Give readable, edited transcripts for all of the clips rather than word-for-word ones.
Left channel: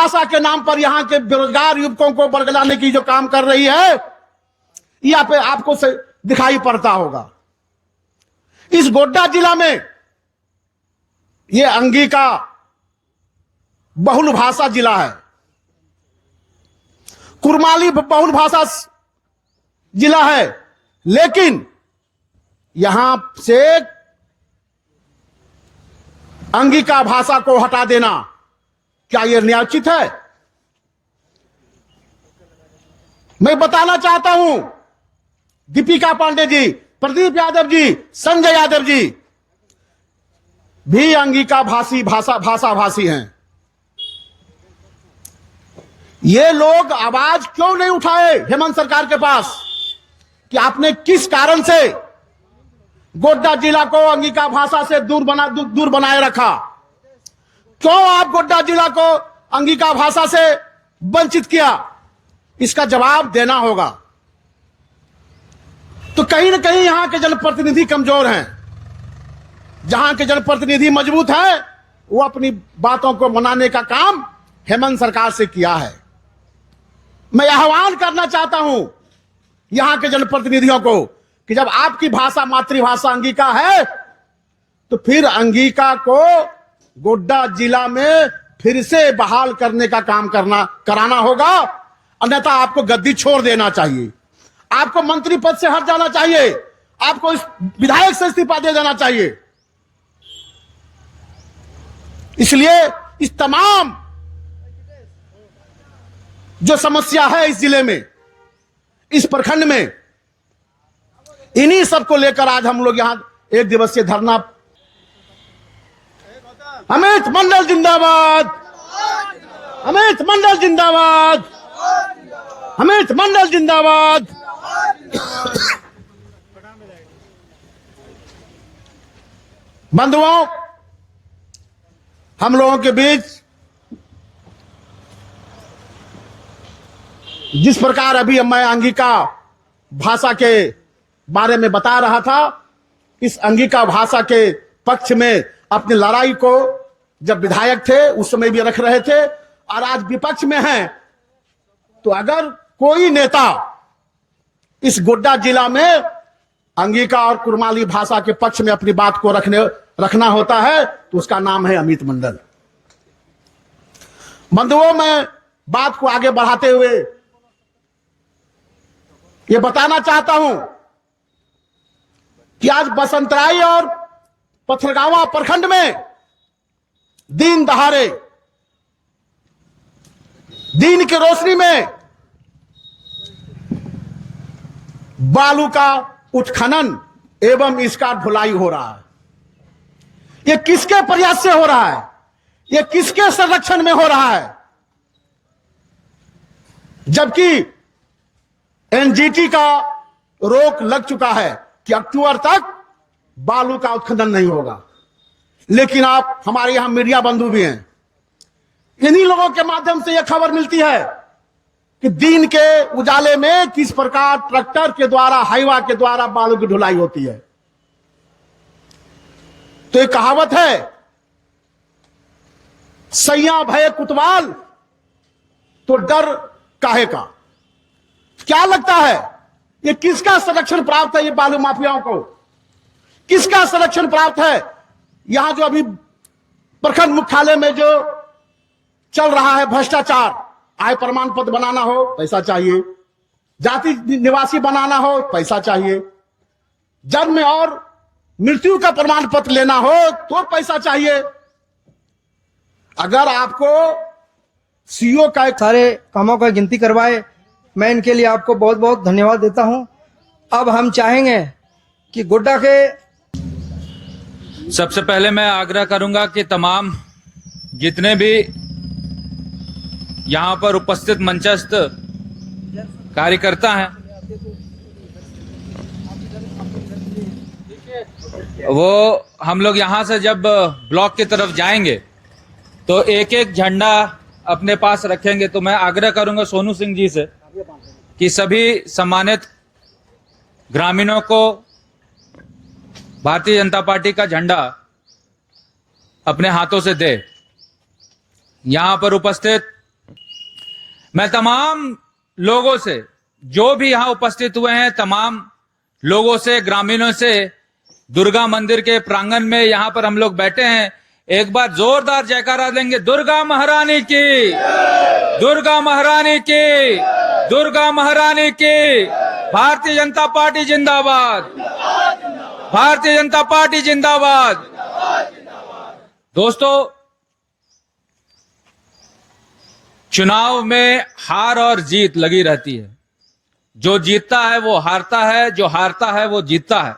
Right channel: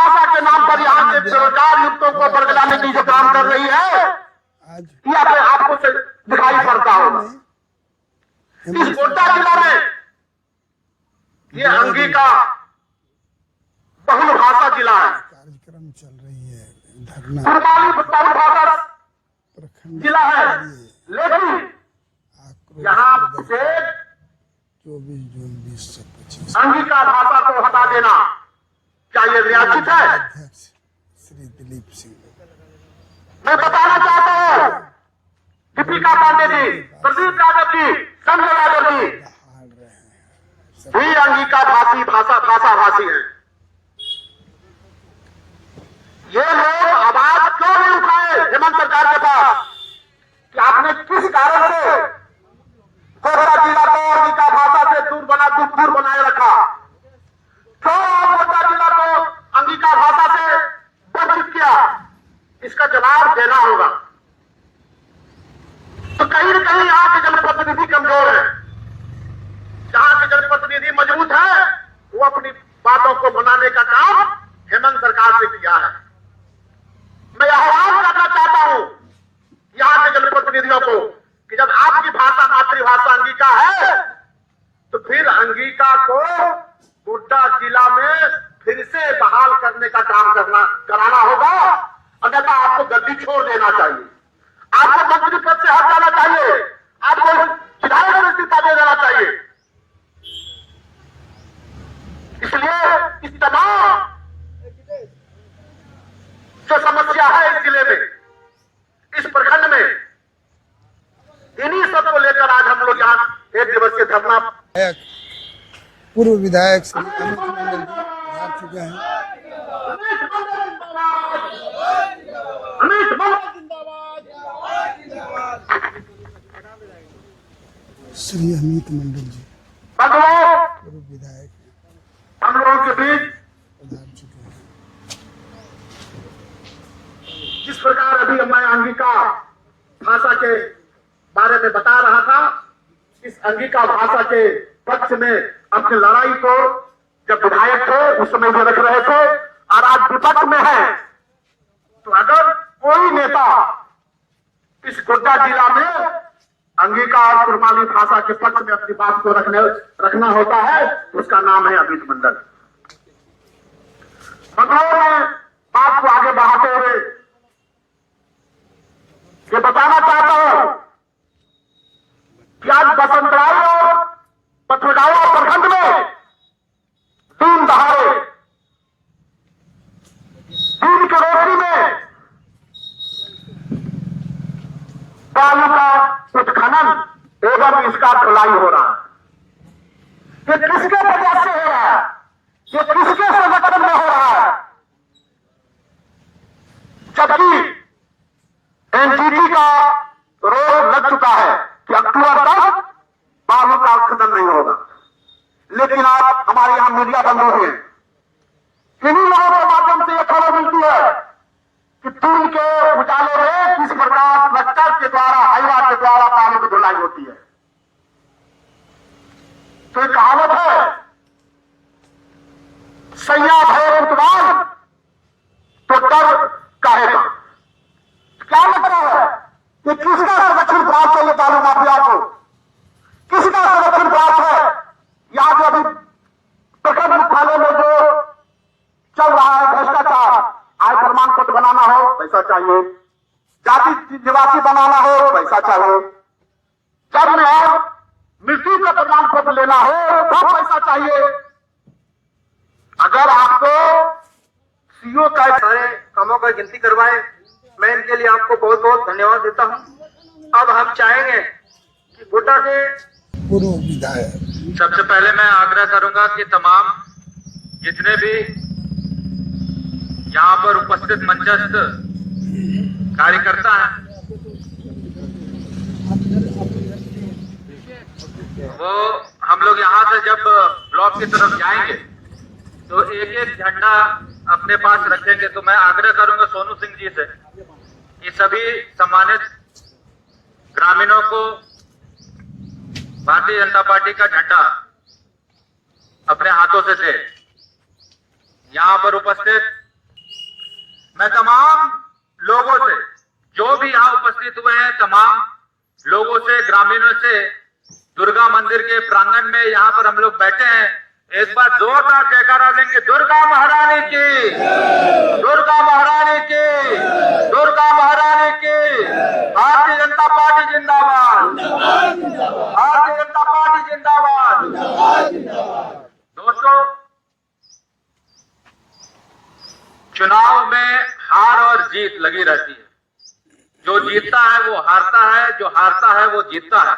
भाषा के नाम पर यहाँ के बेरोजगार युवकों को बरगलाने की जो काम कर रही है, यहाँ पे आपको दिखाई पड़ता होगा। इस गोड्डा जिला में ये अंगिका बहुल भाषा जिला है, कुरमाली बहुल भाषा जिला है, लेकिन यहां से अंगिका भाषा को हटा देना क्या ये न्यायोचित है? मैं बताना चाहता हूं, दीपिका पांडे जी, प्रदीप यादव जी, संजय यादव जी भी अंगिका भाषा भाषी हैं। ये लोग आवाज क्यों नहीं उठाए हेमंत सरकार के पास कि आपने किस कारण से गोड्डा जिला को अंगिका भाषा से दूर बनाए रखा? क्यों आप गोड्डा जिला को अंगिका भाषा से वंचित किया? इसका जवाब देना होगा। तो कहीं ना कहीं यहां के जनप्रतिनिधि कमजोर हैं। जहां के जनप्रतिनिधि मजबूत हैं, वो अपनी बातों को मनाने का काम हेमंत सरकार से किया है। मैं आह्वान करना चाहता हूं यहां के जनप्रतिनिधियों को कि जब आपकी भाषा मातृभाषा अंगिका है, तो फिर अंगिका को गोड्डा जिला में फिर से बहाल करने का काम कराना होगा, अन्यथा आपको गद्दी छोड़ देना चाहिए, आपको मंत्री पद से हट जाना चाहिए, आपको इस विधायक से इस्तीफा दे देना चाहिए। इसलिए इस तमाम जो समस्या है इस जिले में, इस प्रखंड में, इन्हीं सबको लेकर आज हम लोग यहाँ एक दिवसीय धरना। पूर्व विधायक अमित मंडल जिंदाबाद, अमित मंडल जिंदाबाद, अमित मंडल जिंदाबाद। श्री अमित मंडल जी बंधुओं, पूर्व विधायक हम लोगों के बीच जिस प्रकार अभी मैं अंगिका भाषा के बारे में बता रहा था, इस अंगिका भाषा के पक्ष में अपनी लड़ाई को जब विधायक थे उस समय भी रख रहे थे और आज विपक्ष में है। तो अगर कोई नेता इस गोड्डा जिला में अंगिका और कुरमाली भाषा के पक्ष में अपनी बात को रखना होता है तो उसका नाम है अमित मंडल। बंधुओं, मैं बात को आगे बढ़ाते हुए ये बताना चाहता हूं कि आज बसंतराई और पथरगावा प्रखंड में दिन दहाड़े, दिन की रोशनी में बालू का उत्खनन एवं इसका ढुलाई हो रहा है। यह किसके प्रयास से हो रहा है? यह किसके संरक्षण में हो रहा है? जबकि एनजीटी का रोक लग चुका है कि अक्टूबर तक बालू का उत्खनन नहीं होगा। लेकिन आप हमारे यहां मीडिया बंधु भी हैं, इन्हीं लोगों के माध्यम से यह खबर मिलती है कि दिन के उजाले में किस प्रकार ट्रैक्टर के द्वारा, हाईवा के द्वारा बालू की ढुलाई होती है। तो एक कहावत है, सैया भय कुतवाल तो डर काहे का। क्या लगता है ये किसका संरक्षण प्राप्त है? ये बालू माफियाओं को किसका संरक्षण प्राप्त है? यहां जो अभी प्रखंड मुख्यालय में जो चल रहा है भ्रष्टाचार, आय प्रमाण पत्र बनाना हो पैसा चाहिए, जाति निवासी बनाना हो पैसा चाहिए, जन्म और मृत्यु का प्रमाण पत्र लेना हो तो पैसा चाहिए। अगर आपको सीओ का सारे कामों का गिनती करवाए, मैं इनके लिए आपको बहुत बहुत धन्यवाद देता हूं। अब हम चाहेंगे कि गोड्डा के पूर्व विधायक, सबसे पहले मैं आग्रह करूंगा कि तमाम जितने भी यहां पर उपस्थित मंचस्थ कार्यकर्ता हैं, वो हम लोग यहां से जब ब्लॉक की तरफ जाएंगे तो एक एक झंडा अपने पास रखेंगे। तो मैं आग्रह करूंगा सोनू सिंह जी से कि सभी सम्मानित ग्रामीणों को भारतीय जनता पार्टी का झंडा अपने हाथों से दे। यहां पर उपस्थित मैं तमाम लोगों से, जो भी यहां उपस्थित हुए हैं, तमाम लोगों से, ग्रामीणों से, दुर्गा मंदिर के प्रांगण में यहां पर हम लोग बैठे हैं, एक बार जोरदार जयकारा देंगे, दुर्गा महारानी की, दुर्गा महारानी की, दुर्गा महारानी की। भारतीय जनता पार्टी जिंदाबाद, भारतीय जनता पार्टी जिंदाबाद। दोस्तों, चुनाव में हार और जीत लगी रहती है। जो जीतता है वो हारता है, जो हारता है वो जीतता है।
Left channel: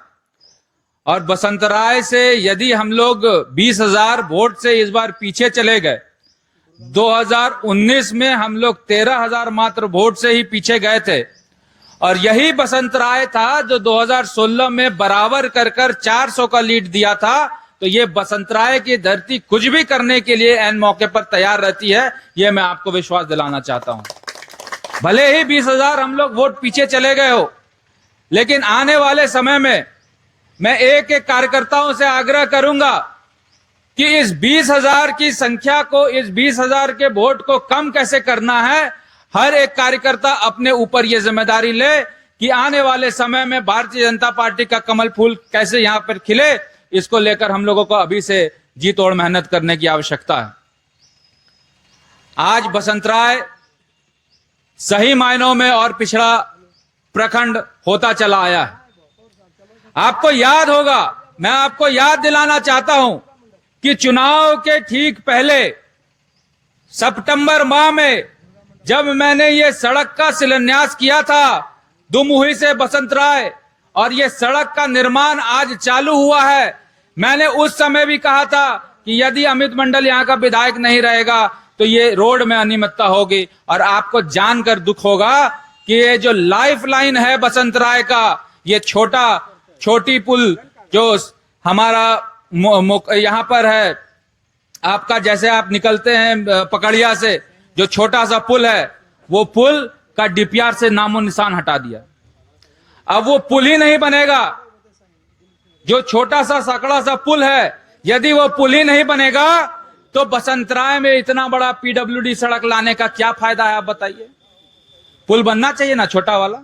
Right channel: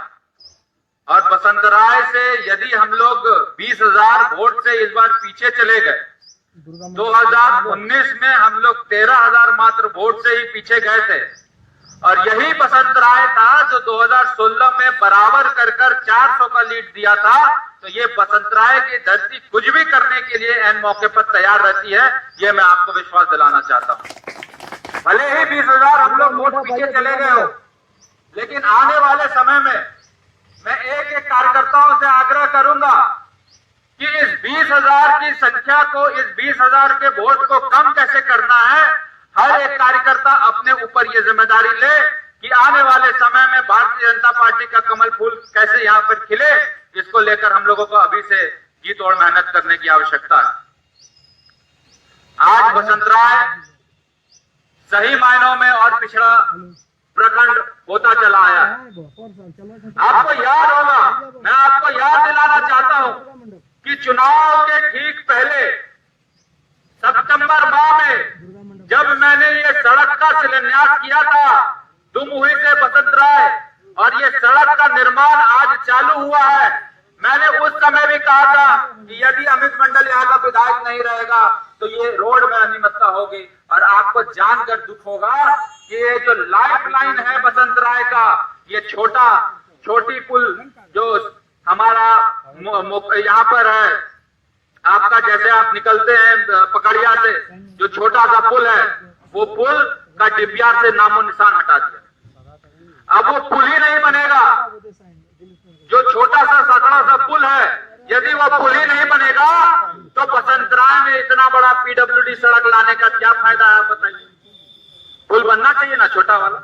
और बसंतराय से यदि हम लोग 20,000 वोट से इस बार पीछे चले गए, 2019 में हम लोग 13,000 मात्र वोट से ही पीछे गए थे, और यही बसंतराय था जो 2016 में बराबर कर 400 का लीड दिया था। तो ये बसंतराय की धरती कुछ भी करने के लिए एन मौके पर तैयार रहती है, ये मैं आपको विश्वास दिलाना चाहता हूं। भले ही 20,000 हम लोग वोट पीछे चले गए हो, लेकिन आने वाले समय में मैं एक एक कार्यकर्ताओं से आग्रह करूंगा कि इस 20,000 की संख्या को, इस 20,000 के वोट को कम कैसे करना है। हर एक कार्यकर्ता अपने ऊपर यह जिम्मेदारी ले कि आने वाले समय में भारतीय जनता पार्टी का कमल फूल कैसे यहां पर खिले। इसको लेकर हम लोगों को अभी से जी तोड़ मेहनत करने की आवश्यकता है। आज बसंतराय सही मायनों में और पिछड़ा प्रखंड होता चला आया है। आपको याद होगा, मैं आपको याद दिलाना चाहता हूं कि चुनाव के ठीक पहले सितंबर माह में जब मैंने ये सड़क का शिलान्यास किया था दुमुही से बसंतराय, और ये सड़क का निर्माण आज चालू हुआ है, मैंने उस समय भी कहा था कि यदि अमित मंडल यहाँ का विधायक नहीं रहेगा तो ये रोड में अनियमितता होगी। और आपको जानकर दुख होगा कि ये जो लाइफ लाइन है बसंतराय का, ये छोटी पुल जो हमारा यहाँ पर है, आपका जैसे आप निकलते हैं पकड़िया से, जो छोटा सा पुल है, वो पुल का डीपीआर से नामो निशान हटा दिया। अब वो पुल ही नहीं बनेगा। जो छोटा सा सकड़ा सा पुल है, यदि वो पुल ही नहीं बनेगा तो बसंतराय में इतना बड़ा पीडब्ल्यूडी सड़क लाने का क्या फायदा है, आप बताइए। पुल बनना चाहिए ना छोटा वाला।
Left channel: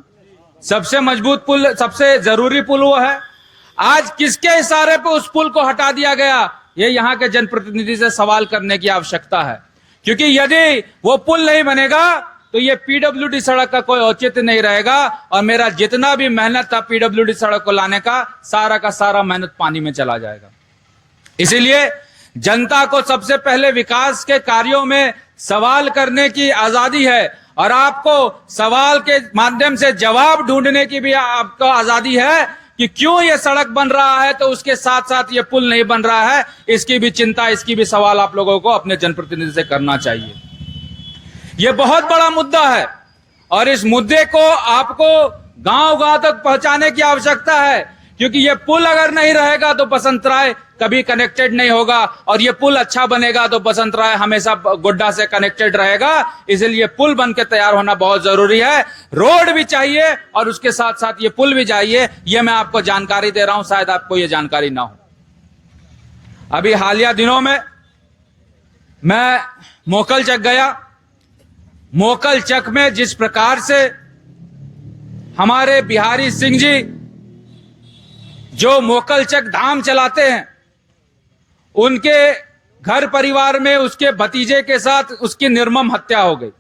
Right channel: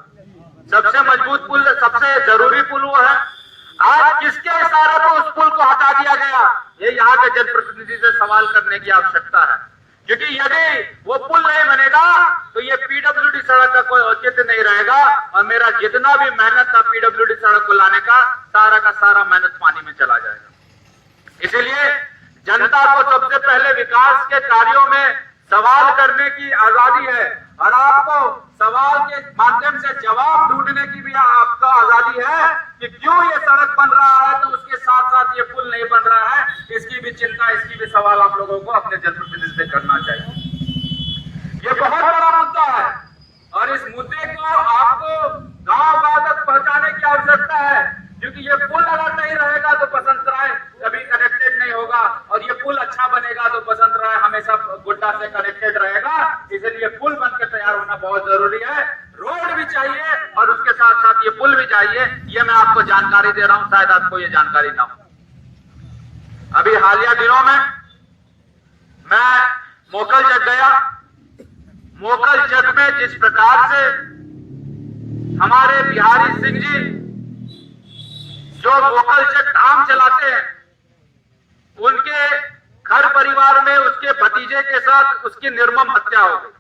सबसे मजबूत पुल, सबसे जरूरी पुल वो है। आज किसके इशारे पर उस पुल को हटा दिया गया, ये यहाँ के जनप्रतिनिधि से सवाल करने की आवश्यकता है। क्योंकि यदि वो पुल नहीं बनेगा तो ये पीडब्ल्यूडी सड़क का कोई औचित्य नहीं रहेगा, और मेरा जितना भी मेहनत था पीडब्ल्यूडी सड़क को लाने का सारा मेहनत पानी में चला जाएगा। इसीलिए जनता को सबसे पहले विकास के कार्यों में सवाल करने की आजादी है, और आपको सवाल के माध्यम से जवाब ढूंढने की भी आपको आजादी है कि क्यों ये सड़क बन रहा है तो उसके साथ साथ ये पुल नहीं बन रहा है। इसकी भी चिंता, इसकी भी सवाल आप लोगों को अपने जनप्रतिनिधि से करना चाहिए। ये बहुत बड़ा मुद्दा है, और इस मुद्दे को आपको गांव-गांव तक पहुंचाने की आवश्यकता है, क्योंकि ये पुल अगर नहीं रहेगा तो बसंतराय कभी कनेक्टेड नहीं होगा, और ये पुल अच्छा बनेगा तो बसंतराय हमेशा गोड्डा से कनेक्टेड रहेगा। इसलिए पुल बन के तैयार होना बहुत जरूरी है। रोड भी चाहिए और उसके साथ साथ ये पुल भी चाहिए। ये मैं आपको जानकारी दे रहा हूं, शायद आपको ये जानकारी ना हो। अभी हालिया दिनों में मैं मोकल चक गया। मोकल चक में जिस प्रकार से हमारे बिहारी सिंह जी जो मोकल चक धाम चलाते हैं, उनके घर परिवार में उसके भतीजे के साथ उसकी निर्मम हत्या हो गई,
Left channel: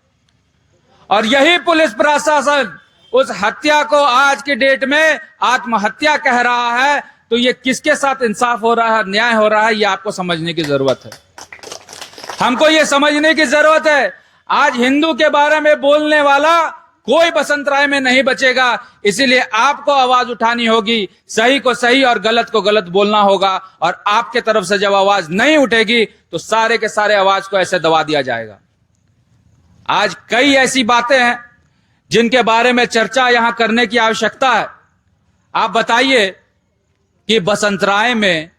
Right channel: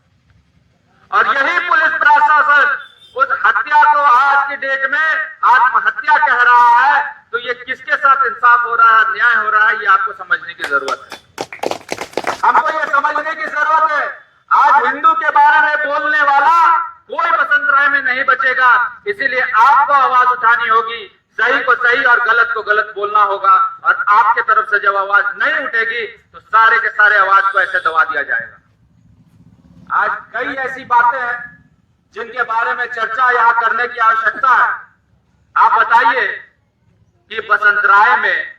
और यही पुलिस प्रशासन उस हत्या को आज के डेट में आत्महत्या कह रहा है। तो ये किसके साथ इंसाफ हो रहा है, न्याय हो रहा है, ये आपको समझने की जरूरत है। हमको ये समझने की जरूरत है, आज हिंदू के बारे में बोलने वाला कोई बसंतराय में नहीं बचेगा। इसीलिए आपको आवाज उठानी होगी, सही को सही और गलत को गलत बोलना होगा, और आपके तरफ से जब आवाज नहीं उठेगी तो सारे के सारे आवाज को ऐसे दबा दिया जाएगा। आज कई ऐसी बातें हैं जिनके बारे में चर्चा यहां करने की आवश्यकता है। आप बताइए कि बसंतराय में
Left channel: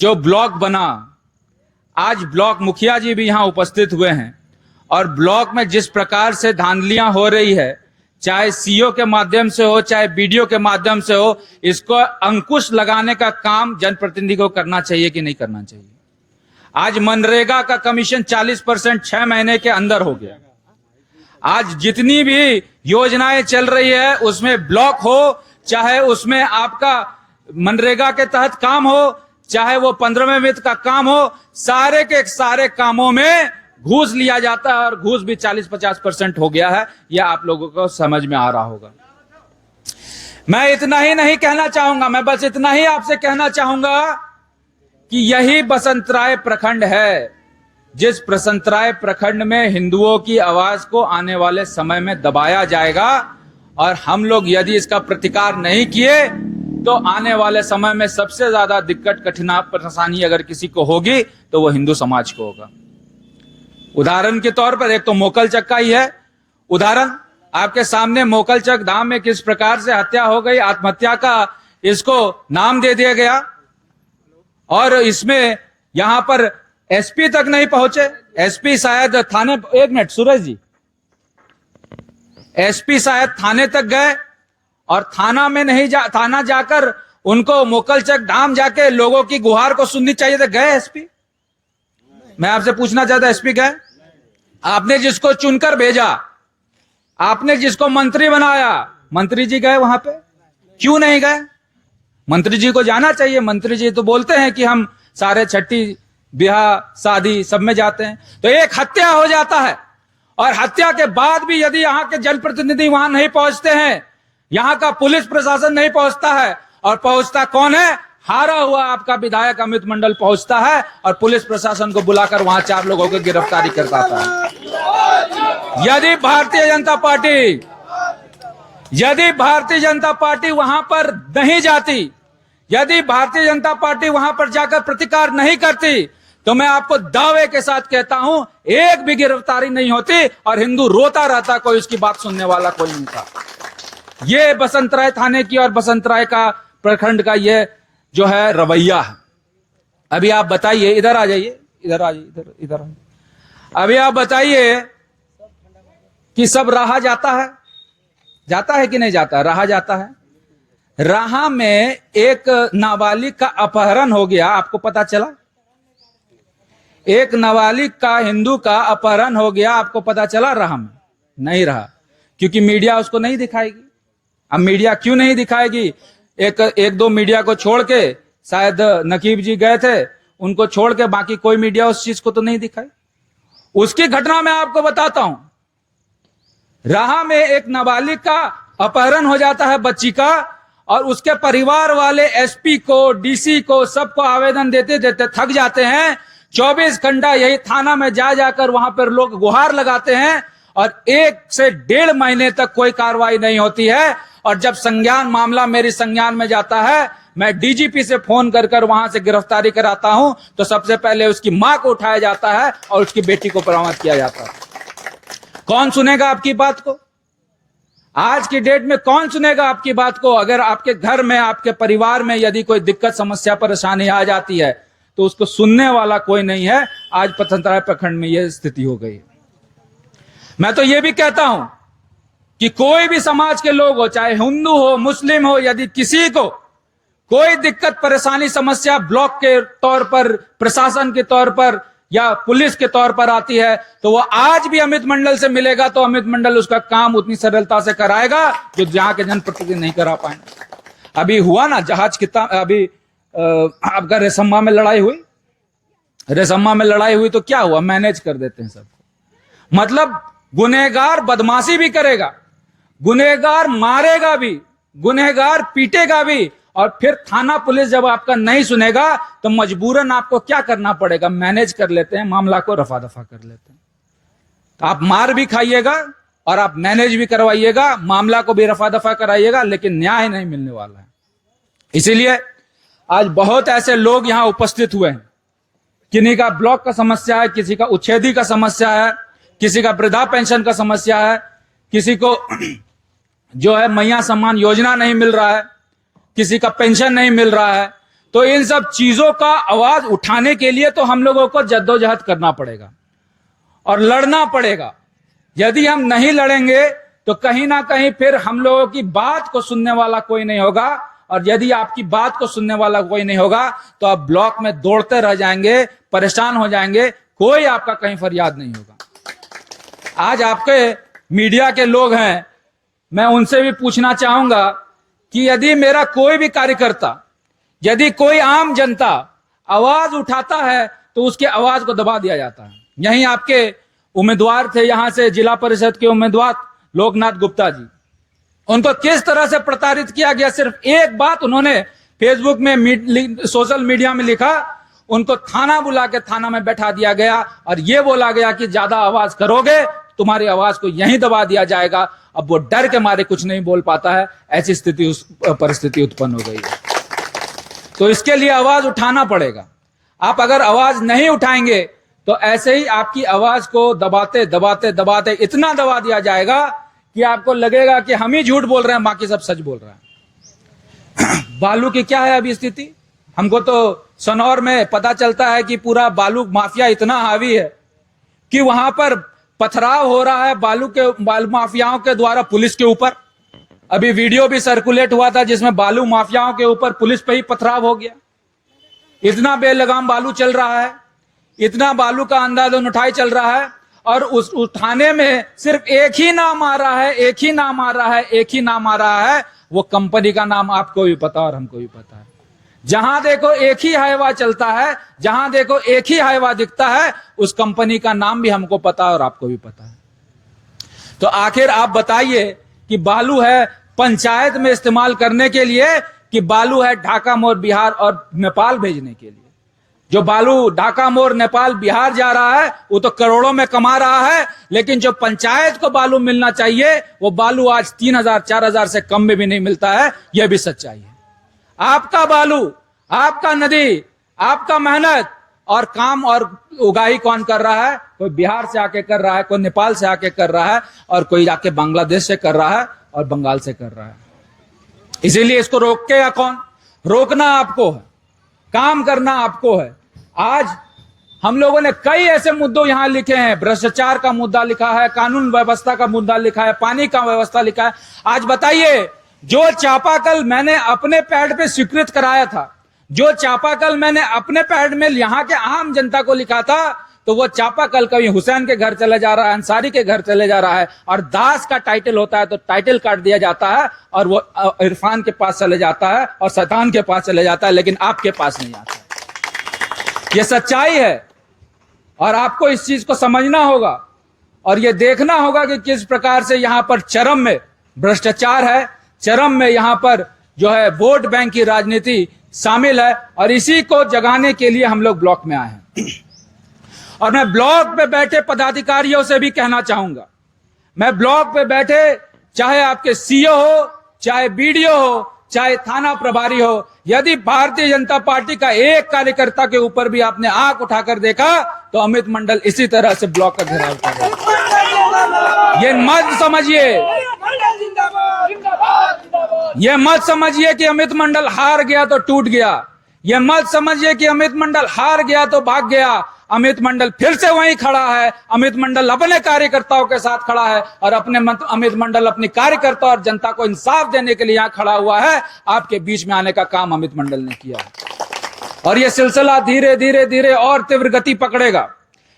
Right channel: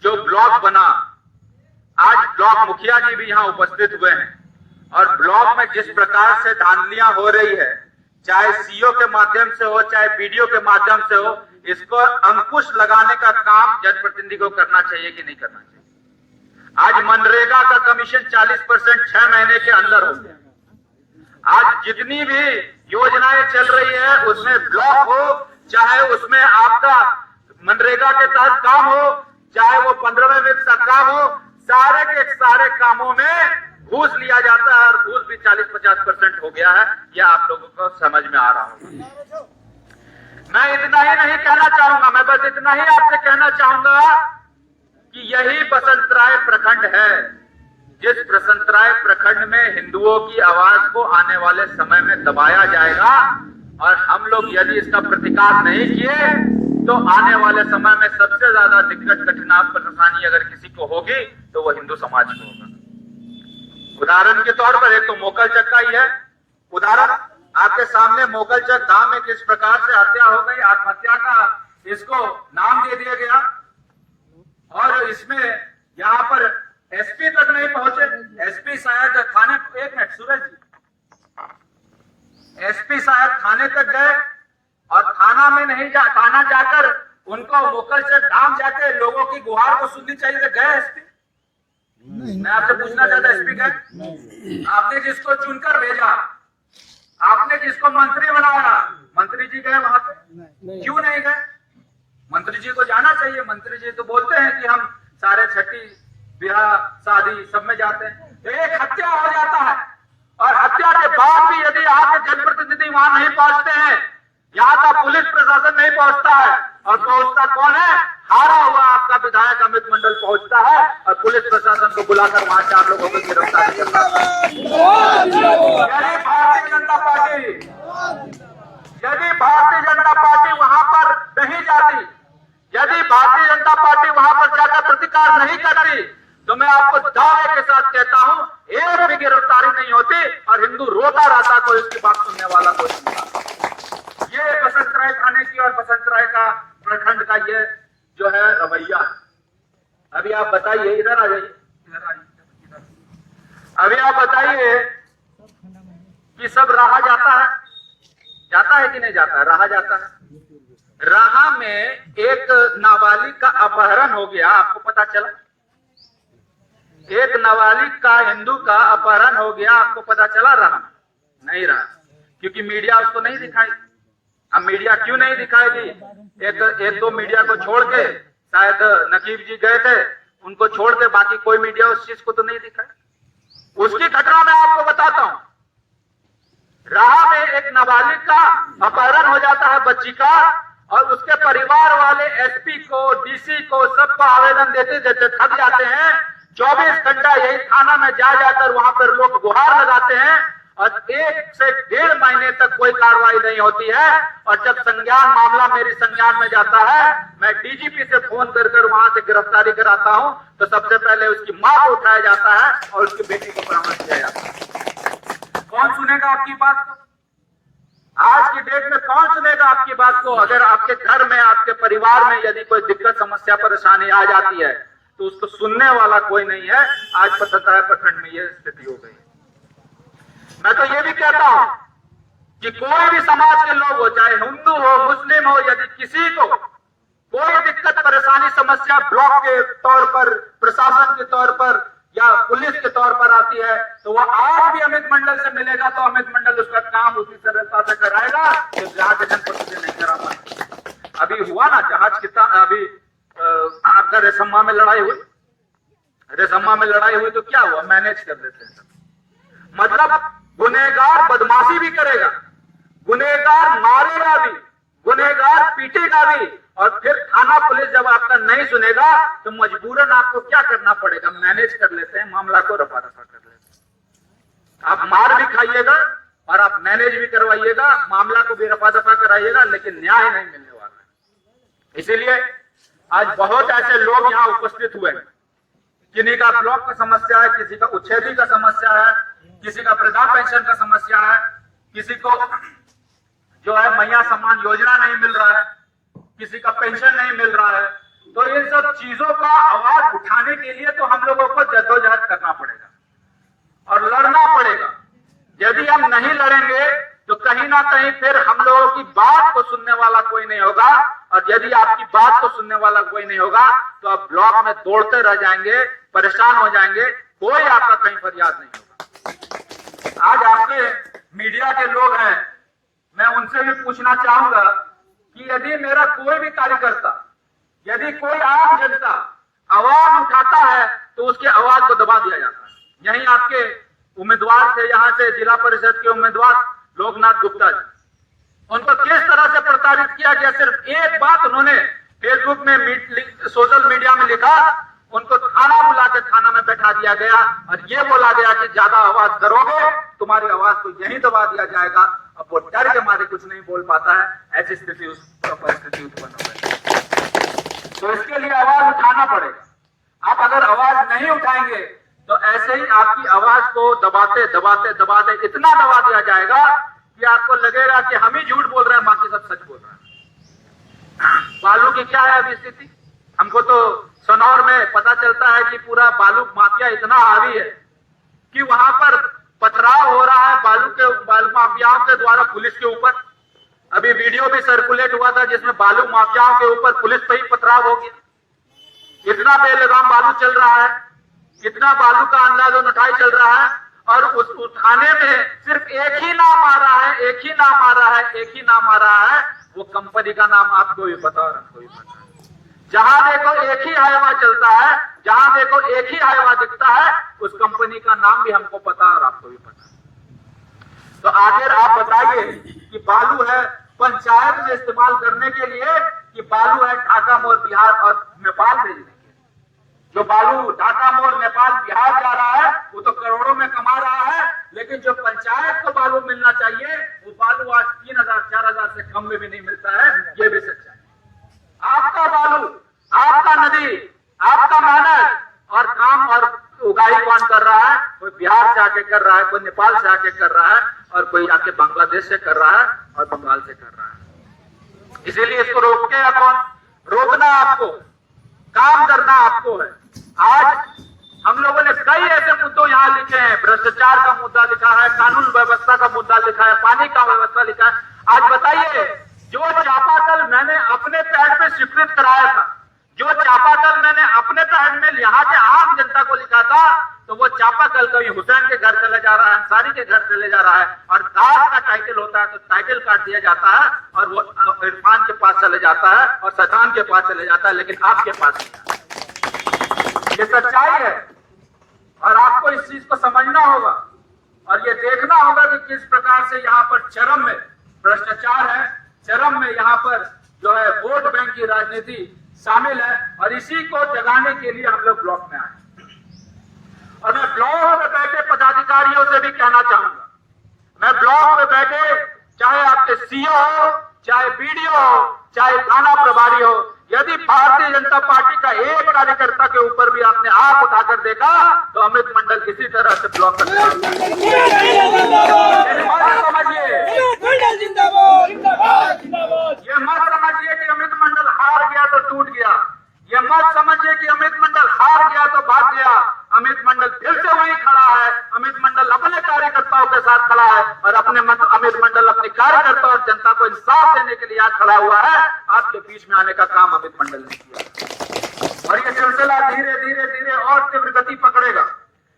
जो ब्लॉक बना, आज ब्लॉक मुखिया जी भी यहां उपस्थित हुए हैं, और ब्लॉक में जिस प्रकार से धांधलियां हो रही है, चाहे सीओ के माध्यम से हो चाहे बीडीओ के माध्यम से हो, इसको अंकुश लगाने का काम जनप्रतिनिधि को करना चाहिए कि नहीं करना चाहिए। आज मनरेगा का कमीशन 40% 6 महीने के अंदर हो गया। आज जितनी भी योजनाएं चल रही है उसमें ब्लॉक हो, चाहे उसमें आपका मनरेगा के तहत काम हो, चाहे वो 15वें वित्त का काम हो, सारे के सारे कामों में घूस लिया जाता है और घूस भी 40-50% हो गया है। यह आप लोगों को समझ में आ रहा होगा। मैं इतना ही नहीं कहना चाहूंगा, मैं बस इतना ही आपसे कहना चाहूंगा कि यही बसंतराय प्रखंड है जिस बसंतराय प्रखंड में हिंदुओं की आवाज को आने वाले समय में दबाया जाएगा, और हम लोग यदि इसका प्रतिकार नहीं किए तो आने वाले समय में सबसे ज्यादा दिक्कत परेशानी अगर किसी को होगी तो वो हिंदू समाज को होगा। उदाहरण के तौर पर एक तो मोकलचक का ही है उदाहरण, आपके सामने मोकलचक धाम में किस प्रकार से हत्या हो गई, आत्महत्या का इसको नाम दे दिया गया, और इसमें यहां पर एसपी तक नहीं पहुंचे। एसपी शायद थाने, एक मिनट सूरज जी, एसपी शायद थाने तक गए और थाना में नहीं थाना जाकर उनको मोकलचक धाम जाके लोगों की गुहार को सुननी चाहिए तो गए एसपी? मैं आपसे पूछना चाहता, एसपी गए? आपने जिसको चुनकर भेजा, आपने जिसको मंत्री बनाया, मंत्री जी गए वहां पे? क्यों नहीं गए? मंत्री जी को जाना चाहिए। मंत्री जी तो बोलते हैं कि हम सारे छठी ब्याह शादी सब में जाते हैं। तो एक हत्या हो जाता है और हत्या के बाद भी यदि यहाँ के जनप्रतिनिधि वहां नहीं पहुंचते हैं, यहाँ का पुलिस प्रशासन नहीं पहुंचता है, और पहुंचता कौन है? हारा हुआ आपका विधायक अमित मंडल पहुंचता है और पुलिस प्रशासन को बुलाकर वहां 4 लोगों को गिरफ्तारी करता था। यदि भारतीय जनता पार्टी वहां पर नहीं जाती, यदि भारतीय जनता पार्टी वहां पर जाकर प्रतिकार नहीं करती, तो मैं आपको दावे के साथ कहता हूं एक भी गिरफ्तारी नहीं होती और हिंदू रोता रहता, कोई उसकी बात सुनने वाला कोई नहीं था। ये बसंतराय थाने की और बसंतराय का प्रखंड का ये जो है रवैया है। अभी आप बताइए, इधर आ जाइए, इधर आ जाइए, इधर आइए। अभी आप बताइए कि सब राहा जाता है कि नहीं जाता? राहा जाता है। राहा में एक नाबालिग का अपहरण हो गया, आपको पता चला? एक नाबालिग का, हिंदू का अपहरण हो गया, आपको पता चला? राहा में नहीं रहा, क्योंकि मीडिया उसको नहीं दिखाएगी। अब मीडिया क्यों नहीं दिखाएगी? एक दो मीडिया को छोड़ के, शायद नकीब जी गए थे, उनको छोड़ के बाकी कोई मीडिया उस चीज को तो नहीं दिखाई। उसकी घटना मैं आपको बताता हूं। राहा में एक नाबालिग का अपहरण हो जाता है, बच्ची का, और उसके परिवार वाले एसपी को, डीसी को, सबको आवेदन देते देते थक जाते हैं। 24 घंटा यही थाना में जाकर वहां पर लोग गुहार लगाते हैं और 1 से 1.5 महीने तक कोई कार्रवाई नहीं होती है। और जब मामला मेरी संज्ञान में जाता है, मैं डीजीपी से फोन कर वहां से गिरफ्तारी कराता हूं, तो सबसे पहले उसकी मां को उठाया जाता है और उसकी बेटी को बरामद किया जाता है। कौन सुनेगा आपकी बात को? आज की डेट में कौन सुनेगा आपकी बात को? अगर आपके घर में, आपके परिवार में यदि कोई दिक्कत, समस्या, परेशानी आ जाती है तो उसको सुनने वाला कोई नहीं है। आज बसंतराय प्रखंड में यह स्थिति हो गई। मैं तो यह भी कहता हूं कि कोई भी समाज के लोग हो, चाहे हिंदू हो, मुस्लिम हो, यदि किसी को कोई दिक्कत, परेशानी, समस्या ब्लॉक के तौर पर, प्रशासन के तौर पर या पुलिस के तौर पर आती है, तो वो आज भी अमित मंडल से मिलेगा तो अमित मंडल उसका काम उतनी सरलता से कराएगा कि जहां के जनप्रतिनिधि नहीं करा पाएंगे। अभी हुआ ना जहाज कितना, अभी आपका रेशम्मा में लड़ाई हुई, रेशम्मा में लड़ाई हुई तो क्या हुआ? मैनेज कर देते हैं सब। मतलब गुनहगार बदमाशी भी करेगा, गुनहगार मारेगा भी, गुनहगार पीटेगा भी, और फिर थाना पुलिस जब आपका नहीं सुनेगा तो मजबूरन आपको क्या करना पड़ेगा? मैनेज कर लेते हैं, मामला को रफा दफा कर लेते हैं। तो आप मार भी खाइएगा और आप मैनेज भी करवाइएगा, मामला को भी रफा दफा कराइएगा, लेकिन न्याय नहीं मिलने वाला है। इसीलिए आज बहुत ऐसे लोग यहां उपस्थित हुए हैं। किन्हीं का ब्लॉक का समस्या है, किसी का उच्छेदी का समस्या है, किसी का वृद्धा पेंशन का समस्या है, किसी को जो है मैया सम्मान योजना नहीं मिल रहा है, किसी का पेंशन नहीं मिल रहा है। तो इन सब चीजों का आवाज उठाने के लिए तो हम लोगों को जद्दोजहद करना पड़ेगा और लड़ना पड़ेगा। यदि हम नहीं लड़ेंगे तो कहीं ना कहीं फिर हम लोगों की बात को सुनने वाला कोई नहीं होगा, और यदि आपकी बात को सुनने वाला कोई नहीं होगा तो आप ब्लॉक में दौड़ते रह जाएंगे, परेशान हो जाएंगे, कोई आपका कहीं फरियाद नहीं होगा। आज आपके मीडिया के लोग हैं, मैं उनसे भी पूछना चाहूंगा कि यदि मेरा कोई भी कार्यकर्ता, यदि कोई आम जनता आवाज उठाता है तो उसके आवाज को दबा दिया जाता है। यहीं आपके उम्मीदवार थे, यहां से जिला परिषद के उम्मीदवार लोकनाथ गुप्ता जी, उनको किस तरह से प्रताड़ित किया गया। सिर्फ एक बात उन्होंने फेसबुक में सोशल मीडिया में लिखा, उनको थाना बुला के थाना में बैठा दिया गया और ये बोला गया कि ज्यादा आवाज करोगे तुम्हारी आवाज को यहीं दबा दिया जाएगा। अब वो डर के मारे कुछ नहीं बोल पाता है, ऐसी स्थिति परिस्थिति उत्पन्न हो गई। तो इसके लिए आवाज उठाना पड़ेगा। आप अगर आवाज नहीं उठाएंगे तो ऐसे ही आपकी आवाज को दबाते दबाते दबाते इतना दबा दिया जाएगा कि आपको लगेगा कि हम ही झूठ बोल रहे हैं, बाकी सब सच बोल रहे हैं। बालू की क्या है अभी स्थिति? हमको तो सनौर में पता चलता है कि पूरा बालू माफिया इतना हावी है कि वहां पर पथराव हो रहा है बालू माफियाओं के द्वारा पुलिस के ऊपर। अभी वीडियो भी सर्कुलेट हुआ था जिसमें बालू माफियाओं के ऊपर पुलिस पे ही पथराव हो गया। इतना बेलगाम बालू चल रहा है, इतना बालू का अंधाधुंध उठाई चल रहा है और उस उठाने में सिर्फ एक ही नाम आ रहा है, एक ही नाम आ रहा है, एक ही नाम आ रहा है। वो कंपनी का नाम आपको भी पता और हमको भी पता है। जहां देखो एक ही हाईवा चलता है, जहां देखो एक ही हाईवा दिखता है, उस कंपनी का नाम भी हमको पता और आपको भी पता है। तो आखिर आप बताइए कि बालू है पंचायत में इस्तेमाल करने के लिए कि बालू है ढाका मोड़ बिहार और नेपाल भेजने के लिए? जो बालू ढाका मोड़ नेपाल बिहार जा रहा है वो तो करोड़ों में कमा रहा है, लेकिन जो पंचायत को बालू मिलना चाहिए वो बालू आज 3,000 4,000 से कम में भी नहीं मिलता है। यह भी सच्चाई है। आपका बालू, आपका नदी, आपका मेहनत और काम और उगाही कौन कर रहा है? कोई बिहार से आके कर रहा है, कोई नेपाल से आके कर रहा है और कोई आके बांग्लादेश से कर रहा है और बंगाल से कर रहा है। इसीलिए इसको रोकेगा कौन? रोकना आपको है, काम करना आपको है। आज हम लोगों ने कई ऐसे मुद्दों यहां लिखे हैं, भ्रष्टाचार का मुद्दा लिखा है, कानून व्यवस्था का मुद्दा लिखा है, पानी का व्यवस्था लिखा है। आज बताइए, जो चापाकल मैंने अपने पैड पे स्वीकृत कराया था, जो चापाकल मैंने अपने पैड में यहाँ के आम जनता को लिखा था, तो वो चापाकल कभी हुसैन के घर चले जा रहा है, अंसारी के घर चले जा रहा है और दास का टाइटल होता है तो टाइटल काट दिया जाता है और वो इरफान के पास चले जाता है और शैतान के पास चले जाता है, लेकिन आपके पास नहीं आता। ये सच्चाई है और आपको इस चीज को समझना होगा और ये देखना होगा कि किस प्रकार से यहाँ पर चरम में भ्रष्टाचार है, चरम में यहाँ पर जो है वोट बैंक की राजनीति शामिल है। और इसी को जगाने के लिए हम लोग ब्लॉक में आए हैं। और मैं ब्लॉक पे बैठे पदाधिकारियों से भी कहना चाहूंगा, मैं ब्लॉक पे बैठे चाहे आपके सीओ हो, चाहे बीडीओ हो, चाहे थाना प्रभारी हो, यदि भारतीय जनता पार्टी का एक कार्यकर्ता के ऊपर भी आपने आंख उठाकर देखा तो अमित मंडल इसी तरह से ब्लॉक कर देगा। ये मत समझिए, ये मत समझिए कि अमित मंडल हार गया तो टूट गया। ये मत समझिए कि अमित मंडल हार गया तो भाग गया। अमित मंडल फिर से वहीं खड़ा है। अमित मंडल अपने कार्यकर्ताओं के साथ खड़ा है और अमित मंडल अपने कार्यकर्ता और जनता को इंसाफ देने के लिए यहाँ खड़ा हुआ है। आपके बीच में आने का काम अमित मंडल ने किया और ये सिलसिला धीरे धीरे धीरे और तीव्र गति पकड़ेगा।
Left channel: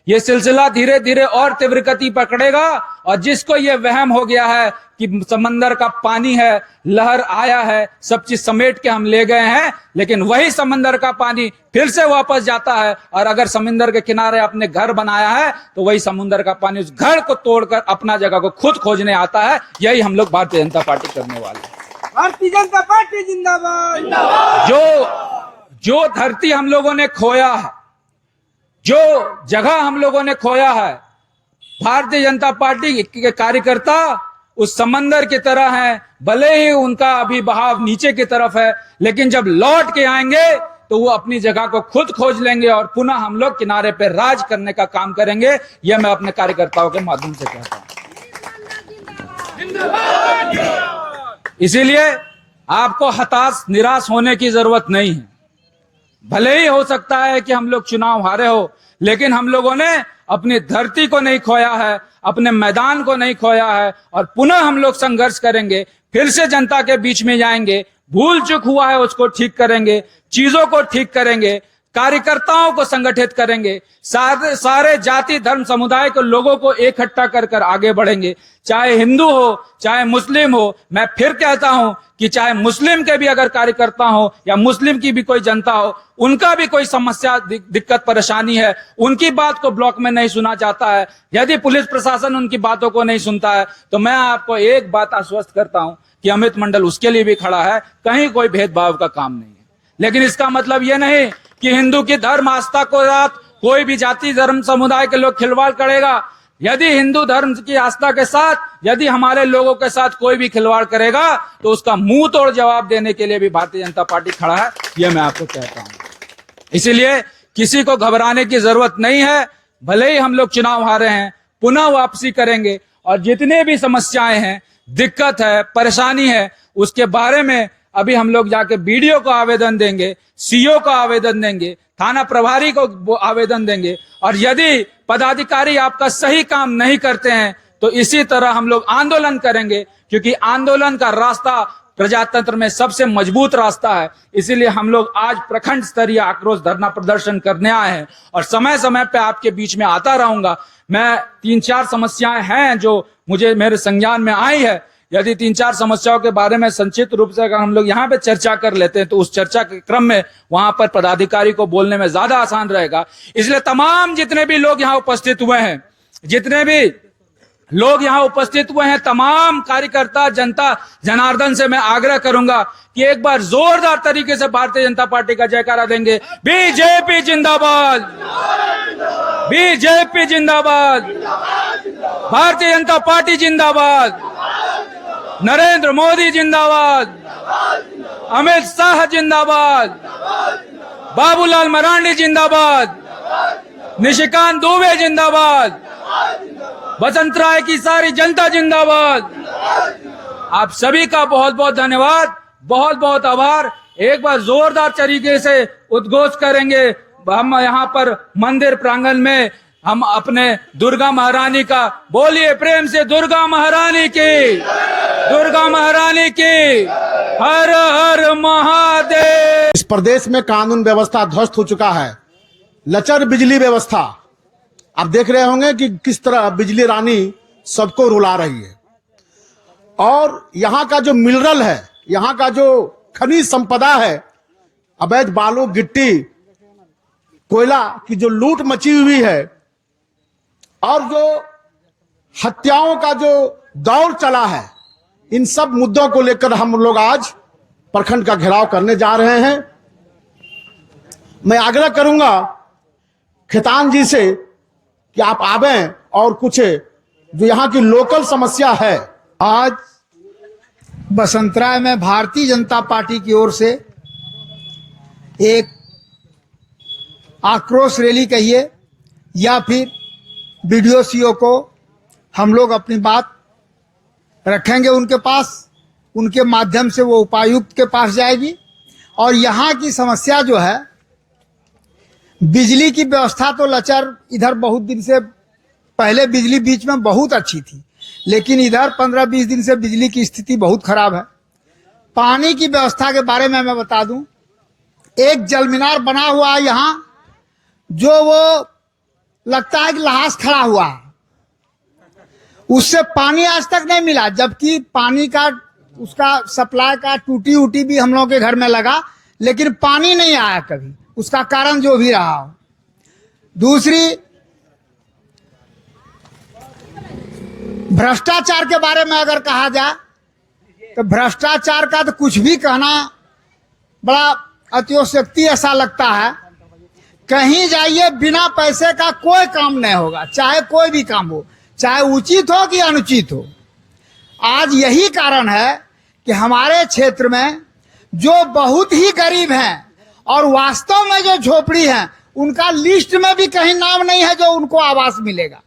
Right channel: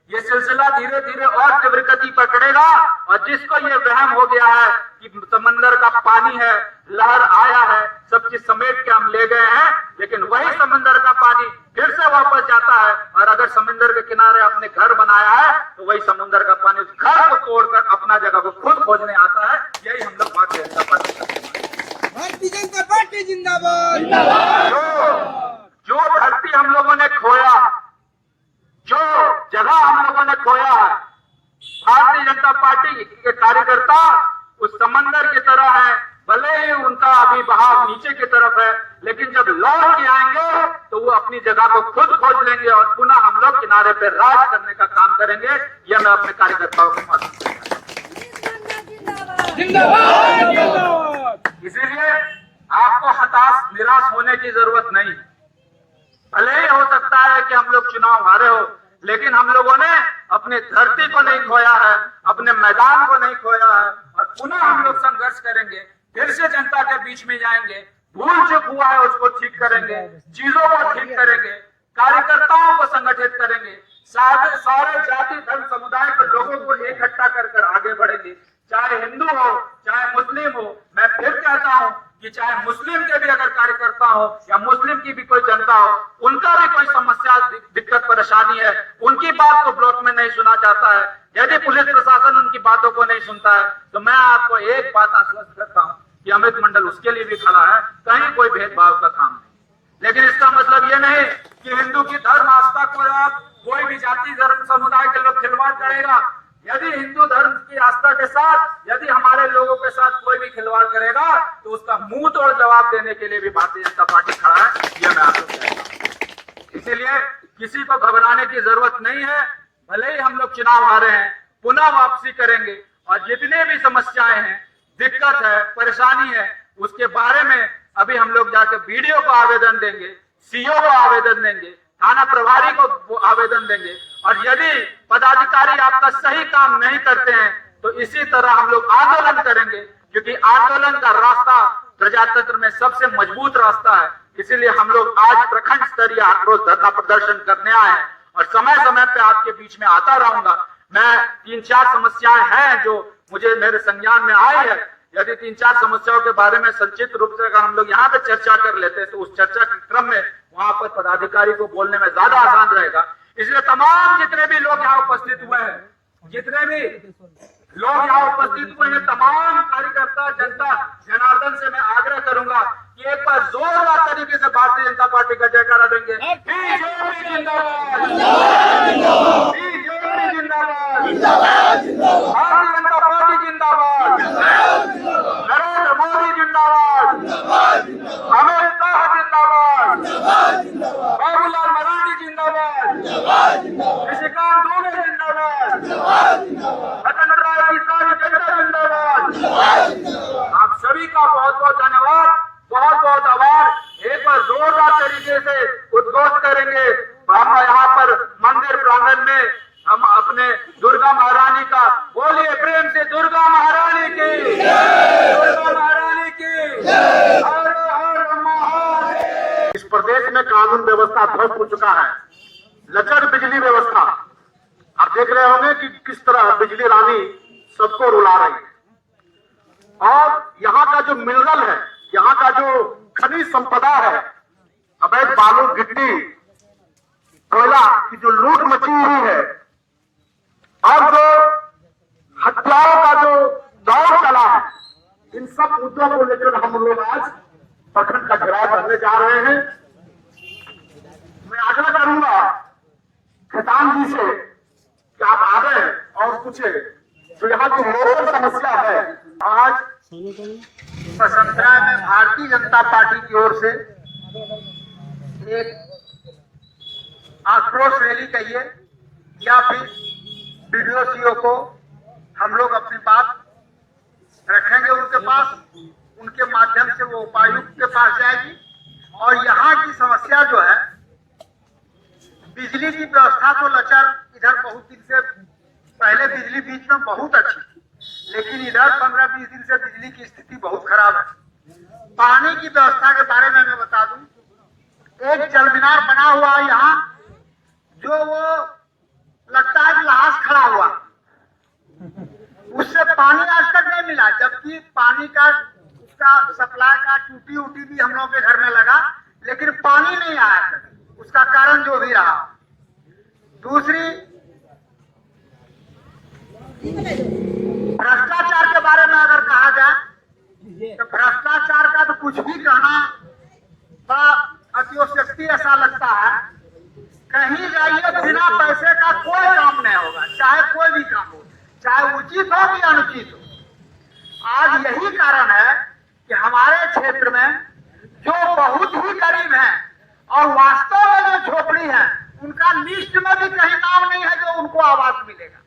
ये सिलसिला धीरे धीरे और तीव्र गति पकड़ेगा और जिसको ये वहम हो गया है कि समंदर का पानी है, लहर आया है, सब चीज समेट के हम ले गए हैं, लेकिन वही समंदर का पानी फिर से वापस जाता है। और अगर समंदर के किनारे अपने घर बनाया है तो वही समुद्र का पानी उस घर को तोड़कर अपना जगह को खुद खोजने आता है। यही हम लोग भारतीय जनता पार्टी करने वाले हैं। भारतीय जनता पार्टी जिंदाबाद। जो धरती हम लोगों ने खोया है, जो जगह हम लोगों ने खोया है, भारतीय जनता पार्टी के कार्यकर्ता उस समंदर की तरह हैं। भले ही उनका अभी बहाव नीचे की तरफ है, लेकिन जब लौट के आएंगे तो वो अपनी जगह को खुद खोज लेंगे और पुनः हम लोग किनारे पे राज करने का काम करेंगे। ये मैं अपने कार्यकर्ताओं के माध्यम से कहता हूं। इसीलिए आपको हताश निराश होने की जरूरत नहीं है। भले ही हो सकता है कि हम लोग चुनाव हारे हो, लेकिन हम लोगों ने अपनी धरती को नहीं खोया है, अपने मैदान को नहीं खोया है और पुनः हम लोग संघर्ष करेंगे। फिर से जनता के बीच में जाएंगे, भूल चूक हुआ है उसको ठीक करेंगे, चीजों को ठीक करेंगे, कार्यकर्ताओं को संगठित करेंगे, सारे जाति धर्म समुदाय के लोगों को इकट्ठा कर आगे बढ़ेंगे। चाहे हिंदू हो चाहे मुस्लिम हो, मैं फिर कहता हूं कि चाहे मुस्लिम के भी अगर कार्यकर्ता हो या मुस्लिम की भी कोई जनता हो, उनका भी कोई समस्या दिक्कत परेशानी है, उनकी बात को ब्लॉक में नहीं सुना जाता है, यदि पुलिस प्रशासन उनकी बातों को नहीं सुनता है, तो मैं आपको एक बात आश्वस्त करता हूं कि अमित मंडल उसके लिए भी खड़ा है। कहीं कोई भेदभाव का काम नहीं है। लेकिन इसका मतलब यह नहीं कि हिंदू की धर्म आस्था को साथ कोई भी जाति धर्म समुदाय के लोग खिलवाड़ करेगा। यदि हिंदू धर्म की आस्था के साथ यदि हमारे लोगों के साथ कोई भी खिलवाड़ करेगा तो उसका मुंह तोड़ जवाब देने के लिए भी भारतीय जनता पार्टी खड़ा है, यह मैं आपको कहता हूं। इसीलिए किसी को घबराने की जरूरत नहीं है। भले ही हम लोग चुनाव हारे हैं, पुनः वापसी करेंगे और जितने भी समस्याएं हैं, दिक्कत है, परेशानी है, उसके बारे में अभी हम लोग जाके बीडीओ को आवेदन देंगे, सीओ को आवेदन देंगे, थाना प्रभारी को आवेदन देंगे। और यदि पदाधिकारी आपका सही काम नहीं करते हैं तो इसी तरह हम लोग आंदोलन करेंगे, क्योंकि आंदोलन का रास्ता प्रजातंत्र में सबसे मजबूत रास्ता है। इसीलिए हम लोग आज प्रखंड स्तरीय आक्रोश धरना प्रदर्शन करने आए हैं और समय समय पे आपके बीच में आता रहूंगा। मैं 3-4 समस्याएं हैं जो मुझे मेरे संज्ञान में आई है। यदि 3-4 समस्याओं के बारे में संक्षिप्त रूप से अगर हम लोग यहाँ पे चर्चा कर लेते हैं तो उस चर्चा के क्रम में वहां पर पदाधिकारी को बोलने में ज्यादा आसान रहेगा। इसलिए तमाम जितने भी लोग यहाँ उपस्थित हुए हैं, तमाम कार्यकर्ता जनता जनार्दन से मैं आग्रह करूंगा कि एक बार जोरदार तरीके से भारतीय जनता पार्टी का जयकारा देंगे। बीजेपी जिंदाबाद, बीजेपी जिंदाबाद, भारतीय जनता पार्टी जिंदाबाद, नरेंद्र मोदी जिंदाबाद, अमित शाह जिंदाबाद, बाबूलाल मरांडी जिंदाबाद, निशिकांत दुबे जिंदाबाद, बसंत राय की सारी जनता जिंदाबाद। आप सभी का बहुत बहुत धन्यवाद, बहुत बहुत आभार। एक बार जोरदार तरीके से उद्घोष करेंगे। हम यहाँ पर मंदिर प्रांगण में हम अपने दुर्गा महारानी का, बोलिए प्रेम से दुर्गा महारानी की, दुर्गा महारानी की, हर हर महादेव। इस प्रदेश में कानून व्यवस्था ध्वस्त हो चुका है। लचर बिजली व्यवस्था, आप देख रहे होंगे कि किस तरह बिजली रानी सबको रुला रही है। और यहाँ का जो मिनरल है, यहाँ का जो खनिज संपदा है, अवैध बालू गिट्टी कोयला की जो लूट मची हुई है और जो हत्याओं का जो दौर चला है, इन सब मुद्दों को लेकर हम लोग आज प्रखंड का घेराव करने जा रहे हैं। मैं आग्रह करूंगा खेतान जी से कि आप आवे और कुछ जो यहाँ की लोकल समस्या है। आज बसंतराय में भारतीय जनता पार्टी की ओर से एक आक्रोश रैली कहिए या फिर बीडीओ सीओ को हम लोग अपनी बात रखेंगे उनके पास, उनके माध्यम से वो उपायुक्त के पास जाएगी। और यहाँ की समस्या जो है, बिजली की व्यवस्था तो लचर, इधर बहुत दिन से पहले बिजली बीच में बहुत अच्छी थी, लेकिन इधर 15-20 दिन से बिजली की स्थिति बहुत खराब है। पानी की व्यवस्था के बारे में मैं बता दूं, एक जल मीनार बना हुआ है यहाँ, जो वो लगता है कि लहास खड़ा हुआ है, उससे पानी आज तक नहीं मिला। जबकि पानी का उसका सप्लाई का टूटी उटी भी हम लोगों के घर में लगा, लेकिन पानी नहीं आया कभी, उसका कारण जो भी रहा हो। दूसरी, भ्रष्टाचार के बारे में अगर कहा जाए तो भ्रष्टाचार का तो कुछ भी कहना बड़ा अतिशयोक्ति ऐसा लगता है। कहीं जाइए, बिना पैसे का कोई काम नहीं होगा, चाहे कोई भी काम हो, चाहे उचित हो कि अनुचित हो। आज यही कारण है कि हमारे क्षेत्र में जो बहुत ही गरीब हैं और वास्तव में जो झोपड़ी हैं, उनका लिस्ट में भी कहीं नाम नहीं है जो उनको आवास मिलेगा।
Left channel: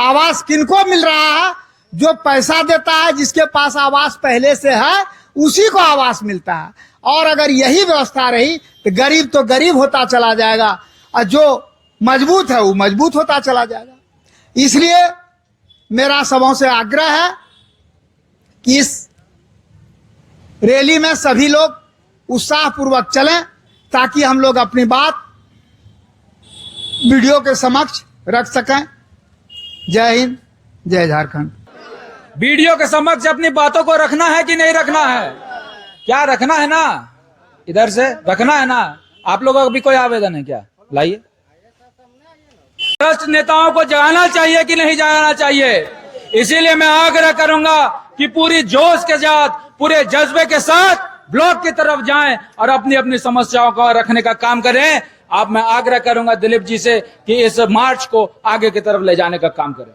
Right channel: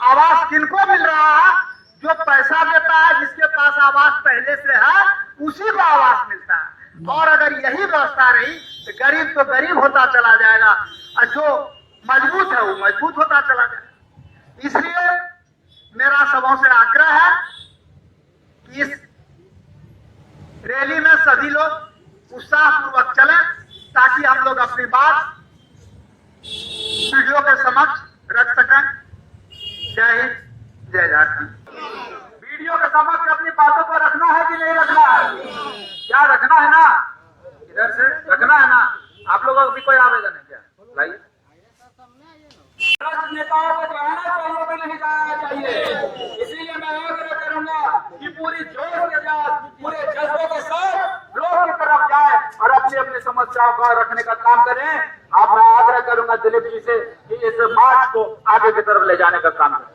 आवास किनको मिल रहा है? जो पैसा देता है, जिसके पास आवास पहले से है, उसी को आवास मिलता है। और अगर यही व्यवस्था रही तो गरीब होता चला जाएगा और जो मजबूत है वो मजबूत होता चला जाएगा। इसलिए मेरा सबों से आग्रह है कि इस रैली में सभी लोग उत्साहपूर्वक चलें, ताकि हम लोग अपनी बात वीडियो के समक्ष रख सकें। जय हिंद, जय झारखंड। वीडियो के समक्ष अपनी बातों को रखना है कि नहीं रखना है? क्या रखना है ना? इधर से रखना है ना? आप लोगों का भी कोई आवेदन है क्या? लाइए। भ्रष्ट नेताओं को जगाना चाहिए कि नहीं जगाना चाहिए? इसीलिए मैं आग्रह करूंगा कि पूरी जोश के साथ, पूरे जज्बे के साथ ब्लॉक की तरफ जाएं और अपनी अपनी समस्याओं को रखने का काम करें। अब मैं आग्रह करूंगा दिलीप जी से कि इस मार्च को आगे की तरफ ले जाने का काम करें।